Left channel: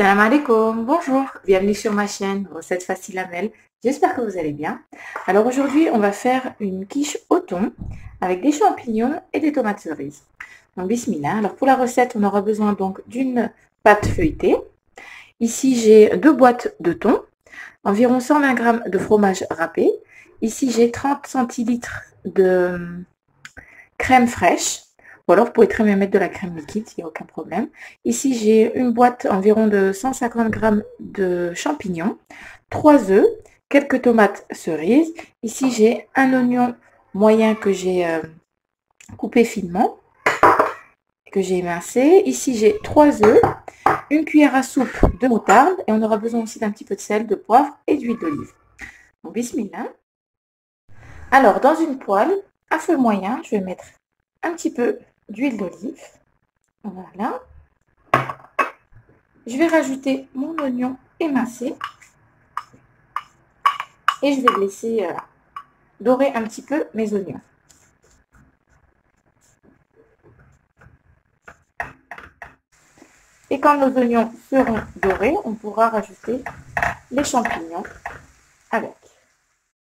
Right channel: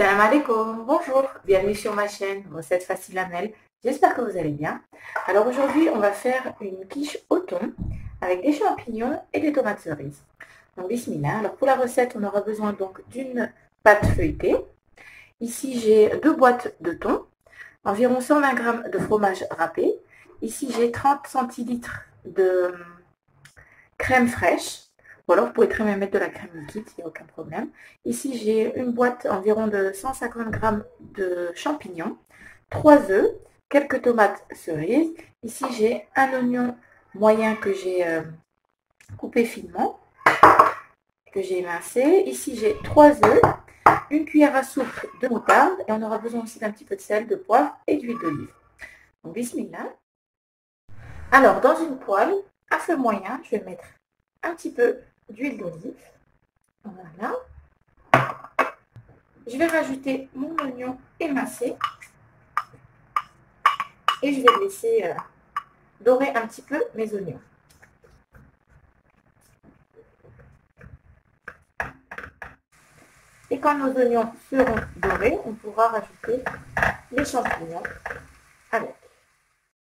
Salam alaikum, bonjour, bienvenue sur ma chaîne Recettes Faciles Amel. J'espère que vous allez bien. Alors aujourd'hui, on va faire une quiche au thon avec des champignons et des tomates cerises. Donc bismillah. Alors pour la recette, on aura besoin donc d'une pâte feuilletée. Ici, j'ai 2 boîtes de thon, environ 120 g de fromage râpé. Ici, j'ai 30 centilitres de crème fraîche. Ou alors, vous pouvez très bien mettre de la crème liquide, il n'y a aucun problème. Ici, j'ai une boîte environ de 150 g de champignons, 3 œufs, quelques tomates cerises. Ici, j'ai un oignon moyen que j'ai coupé finement, que j'ai émincé. Ici, j'ai 3 œufs, une cuillère à soupe de moutarde et on aura besoin aussi d'un petit peu de sel, de poivre et d'huile d'olive. Donc, bismillah. Alors, dans une poêle à feu moyen, je vais mettre un petit peu d'huile d'olive. Voilà. Je vais rajouter mon oignon émincé et je vais laisser dorer un petit peu mes oignons. Et quand nos oignons seront dorés, on pourra rajouter les champignons avec.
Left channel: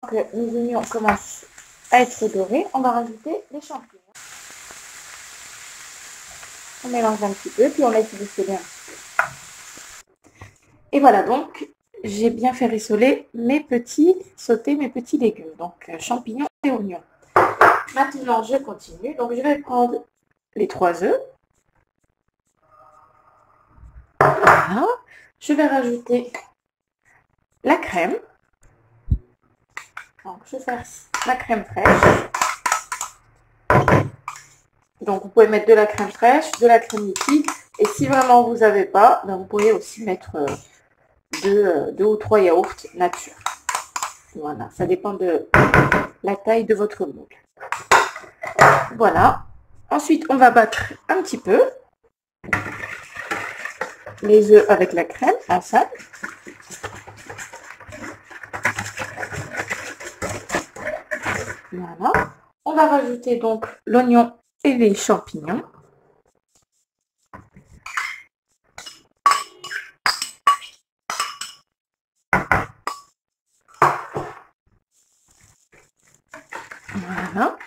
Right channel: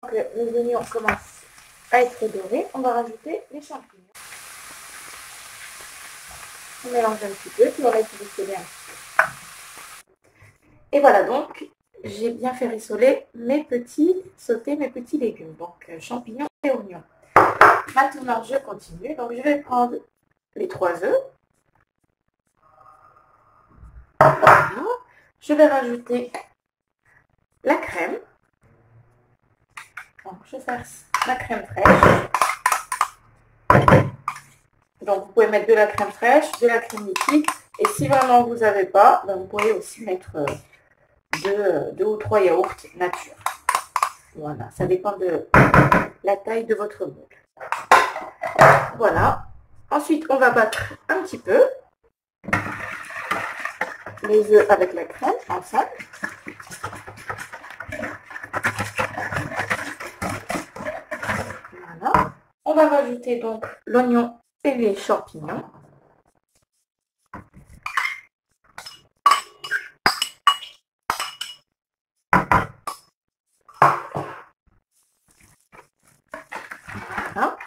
Donc, nos oignons commencent à être dorés, on va rajouter les champignons. On mélange un petit peu, puis on laisse distiller un petit peu. Et voilà, donc j'ai bien fait rissoler sauter mes petits légumes, donc champignons et oignons. Maintenant, je continue. Donc, je vais prendre les 3 œufs. Voilà. Je vais rajouter la crème. Donc, je verse la crème fraîche. Donc, vous pouvez mettre de la crème fraîche, de la crème liquide. Et si vraiment vous n'avez pas, ben vous pouvez aussi mettre 2 ou 3 yaourts nature. Voilà, ça dépend de la taille de votre moule. Voilà. Ensuite, on va battre un petit peu les œufs avec la crème ensemble. Voilà. On va rajouter donc l'oignon et les champignons. Voilà.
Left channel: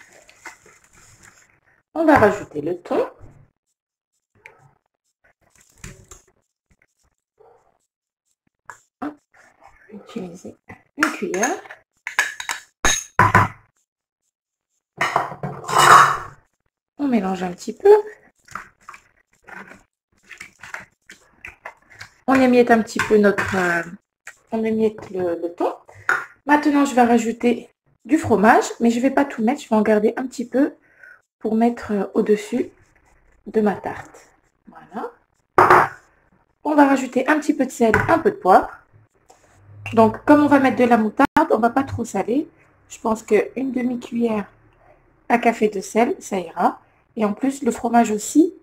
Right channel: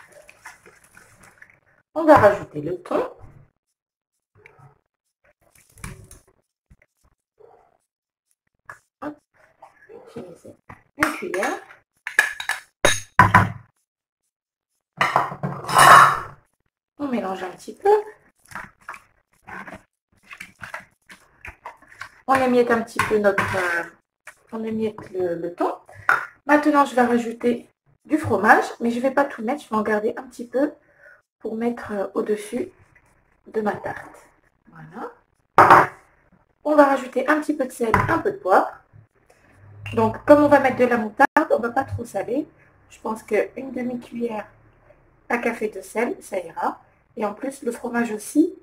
On va rajouter le thon. Hop. Je vais utiliser une cuillère. On mélange un petit peu. On émiette un petit peu on émiette le thon. Maintenant, je vais rajouter du fromage, mais je ne vais pas tout mettre. Je vais en garder un petit peu pour mettre au-dessus de ma tarte. Voilà. On va rajouter un petit peu de sel, un peu de poivre. Donc, comme on va mettre de la moutarde, on ne va pas trop saler. Je pense qu'une demi-cuillère à café de sel, ça ira. Et en plus, le fromage aussi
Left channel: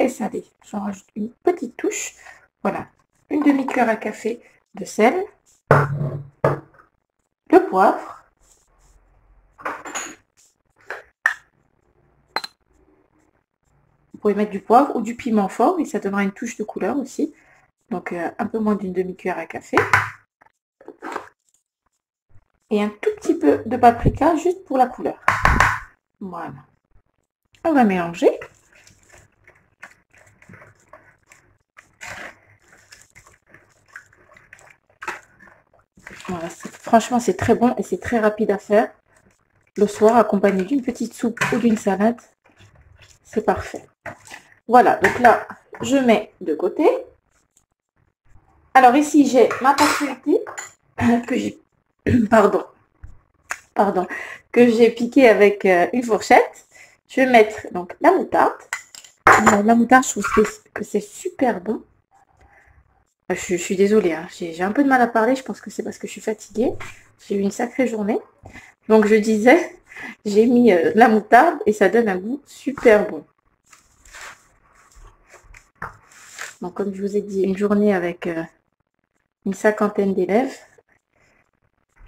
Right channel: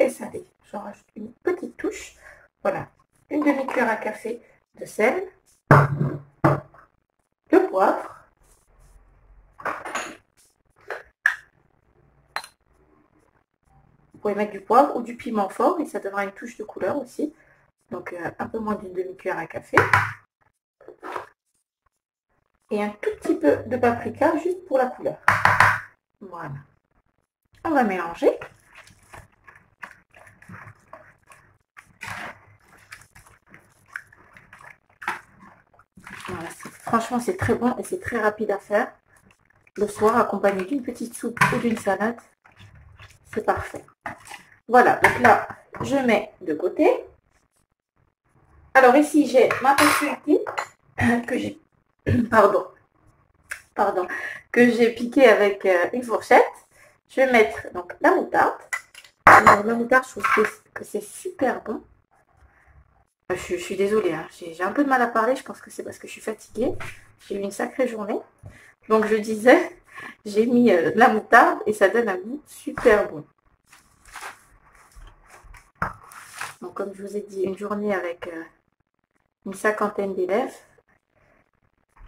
est salé. J'en rajoute une petite touche. Voilà, une demi-cuillère à café de sel, de poivre, vous pouvez mettre du poivre ou du piment fort et ça donnera une touche de couleur aussi. Donc un peu moins d'une demi-cuillère à café. Et un tout petit peu de paprika juste pour la couleur. Voilà. On va mélanger. Voilà, franchement, c'est très bon et c'est très rapide à faire. Le soir, accompagné d'une petite soupe ou d'une salade, c'est parfait. Voilà, donc là, je mets de côté. Alors ici, j'ai ma pâte feuilletée que j'ai que j'ai piquée avec une fourchette. Je vais mettre donc la moutarde. La moutarde, je trouve que c'est super bon. Je suis désolée, hein, j'ai un peu de mal à parler. Je pense que c'est parce que je suis fatiguée. J'ai eu une sacrée journée. Donc je disais, j'ai mis la moutarde et ça donne un goût super bon. Donc comme je vous ai dit, une journée avec une cinquantaine d'élèves,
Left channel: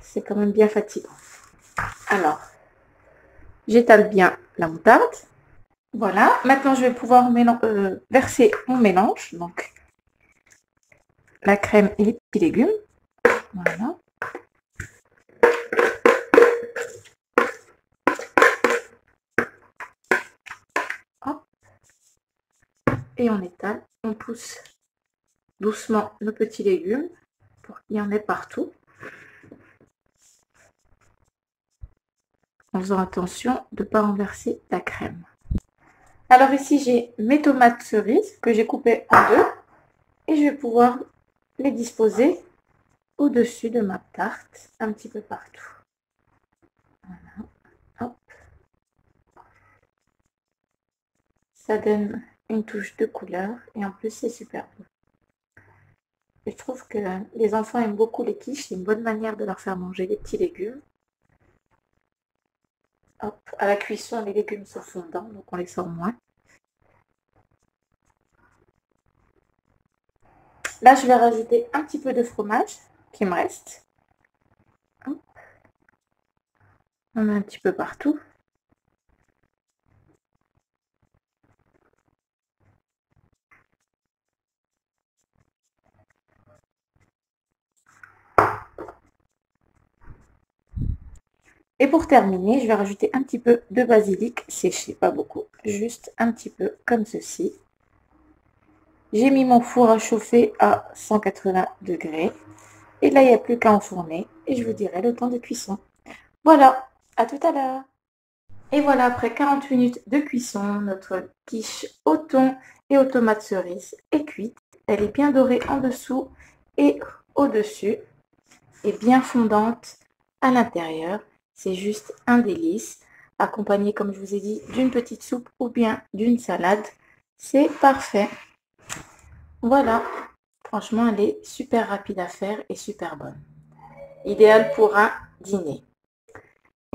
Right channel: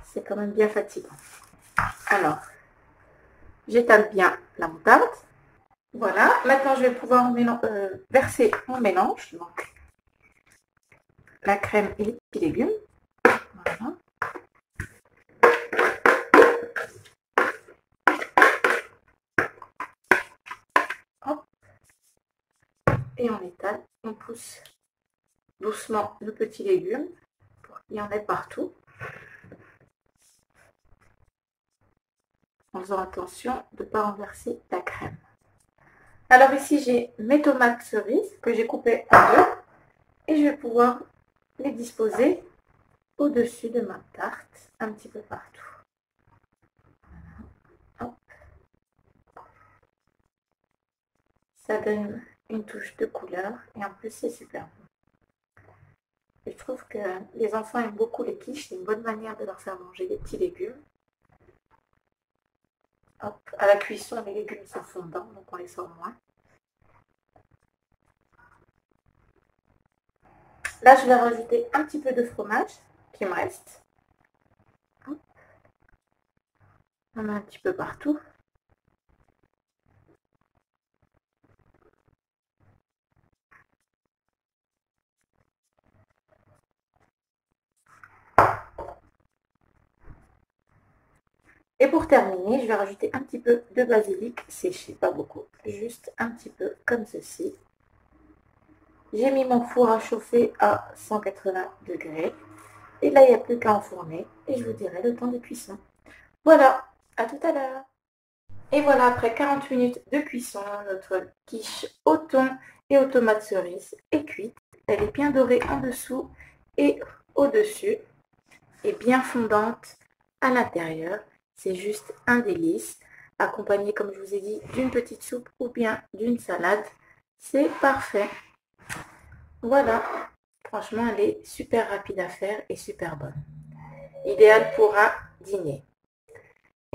c'est quand même bien fatigant. Alors, j'étale bien la moutarde. Voilà, maintenant je vais pouvoir verser mon mélange. Donc, la crème et les petits légumes. Voilà. Hop. Et on étale, on pousse doucement nos petits légumes pour qu'il y en ait partout. En faisant attention de ne pas renverser la crème. Alors ici, j'ai mes tomates cerises que j'ai coupées en deux et je vais pouvoir les disposer au-dessus de ma tarte, un petit peu partout. Voilà. Hop. Ça donne une touche de couleur et en plus, c'est super beau. Je trouve que les enfants aiment beaucoup les quiches, c'est une bonne manière de leur faire manger des petits légumes. Hop. À la cuisson, les légumes sont fondants, donc on les sort moins. Là, je vais rajouter un petit peu de fromage qui me reste. Hop. On met un petit peu partout. Et pour terminer, je vais rajouter un petit peu de basilic séché, pas beaucoup, juste un petit peu comme ceci. J'ai mis mon four à chauffer à 180 degrés. Et là, il n'y a plus qu'à enfourner. Et je vous dirai le temps de cuisson. Voilà, à tout à l'heure. Et voilà, après 40 minutes de cuisson, notre quiche au thon et aux tomates cerises est cuite. Elle est bien dorée en dessous et au-dessus. Et bien fondante à l'intérieur. C'est juste un délice. Accompagné, comme je vous ai dit, d'une petite soupe ou bien d'une salade. C'est parfait. Voilà. Franchement, elle est super rapide à faire et super bonne. Idéal pour un dîner.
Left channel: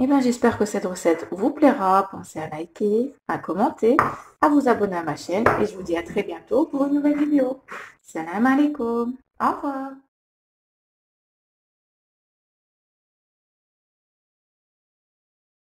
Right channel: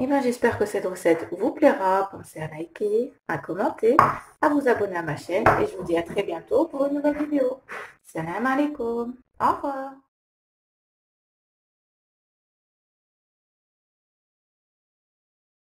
Et bien, j'espère que cette recette vous plaira. Pensez à liker, à commenter, à vous abonner à ma chaîne. Et je vous dis à très bientôt pour une nouvelle vidéo. Salam alaikum. Au revoir.